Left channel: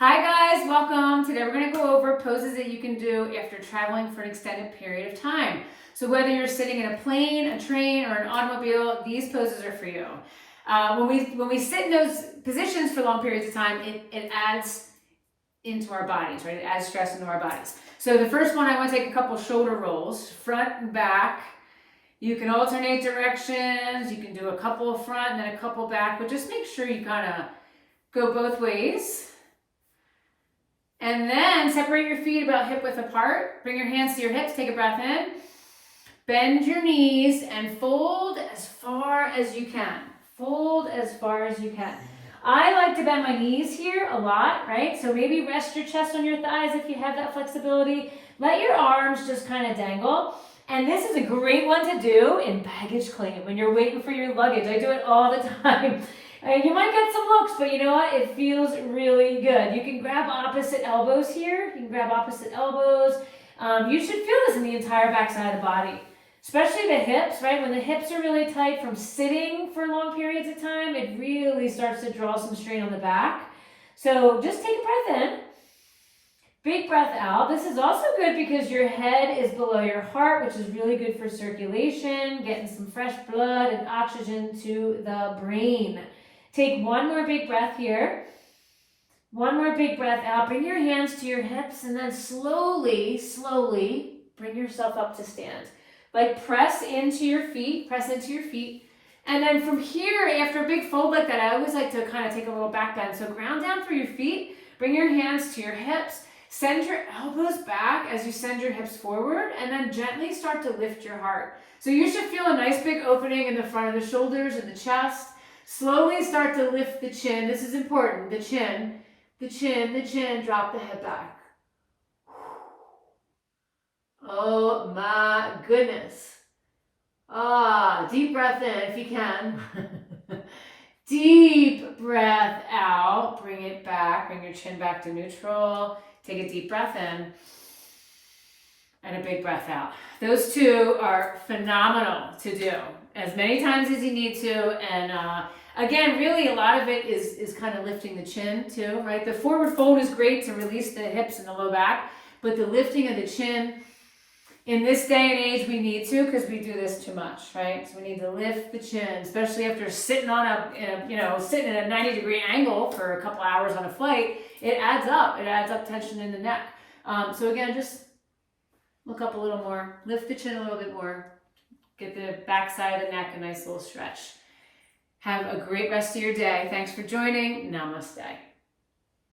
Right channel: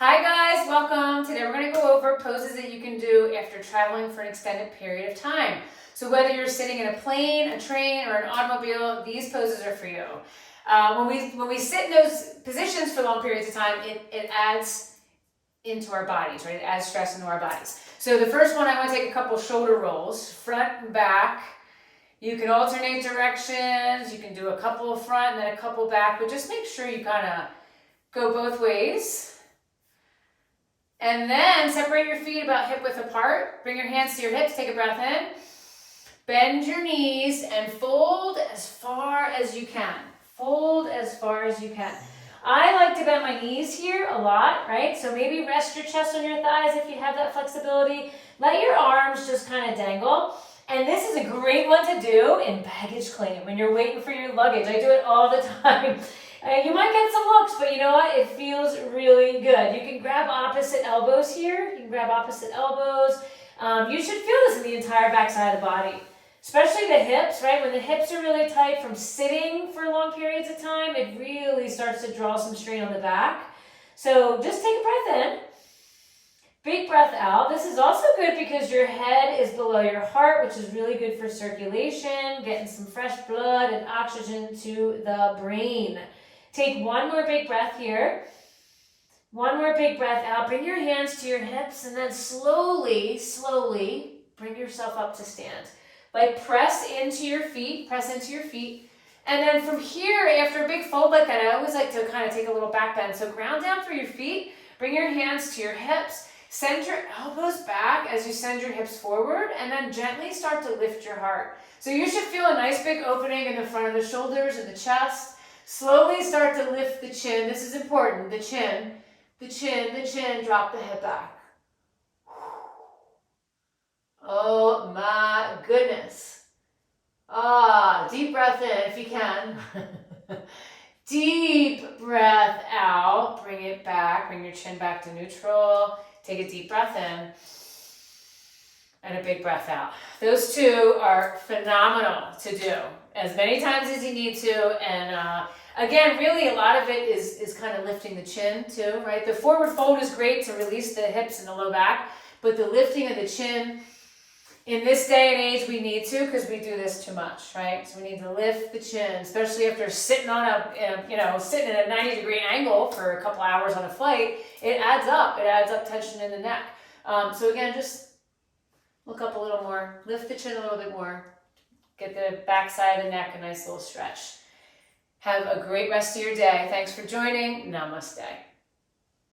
Hi guys, welcome. Today we're going to go over poses that you can do after traveling for an extended period of time. So whether you're sitting in a plane, a train, or an automobile, these poses are for you. When we sit in those positions for long periods of time, it adds into our bodies, right? It adds stress into our bodies. So the first one, I want to take a couple shoulder rolls, front and back. You can alternate directions. You can do a couple front and then a couple back, but just make sure you kind of go both ways. And then separate your feet about hip width apart. Bring your hands to your hips, take a breath in. Bend your knees and fold as far as you can. Fold as far as you can. I like to bend my knees here a lot, right? So maybe rest your chest on your thighs if you have that flexibility. Let your arms just kind of dangle. And this is a great one to do in baggage claim when you're waiting for your luggage. I do it all the time. You might get some looks, but you know what? It feels really good. You can grab opposite elbows here. You can grab opposite elbows. You should feel this in the entire backside of the body, especially the hips, right? When the hips are really tight from sitting for long periods of time, it really starts to draw some strain on the back. So just take a breath in. Big breath out. This is also good because your head is below your heart, which is really good for circulation, getting some fresh blood and oxygen to the brain. Take one more big breath here. One more big breath out. Bring your hands to your hips and then slowly bring yourself up to stand. Like press into your feet, And then from here, after a big fold like that, I always like to kind of take a little back bend. So ground down through your feet, bring your hands to your hips, send your elbows back as you send your hips forward, and then gently start to lift your heart. So you should feel a nice big opening in the front of the shoulders and the chest. Slowly start to lift the chin. This is important. The chin, drop the head back. Oh my goodness. Deep breath in if you can. Deep breath out. Bring it back. Bring your chin back to neutral. Take a deep breath in. And a big breath out. Those two are phenomenal to do as many times as you need to. And again, really a lot of it is kind of lifting the chin too, right? The forward fold is great to release the hips and the low back, but the lifting of the chin, in this day and age, we need to because we do this too much, right? So we need to lift the chin, especially after sitting on sitting at a 90-degree angle for a couple hours on a flight. It adds up. It adds up tension in the neck. So again, just look up a little more, lift the chin a little bit more, get the back side of the neck a nice little stretch. Have a great rest of your day. Thanks for joining. Namaste.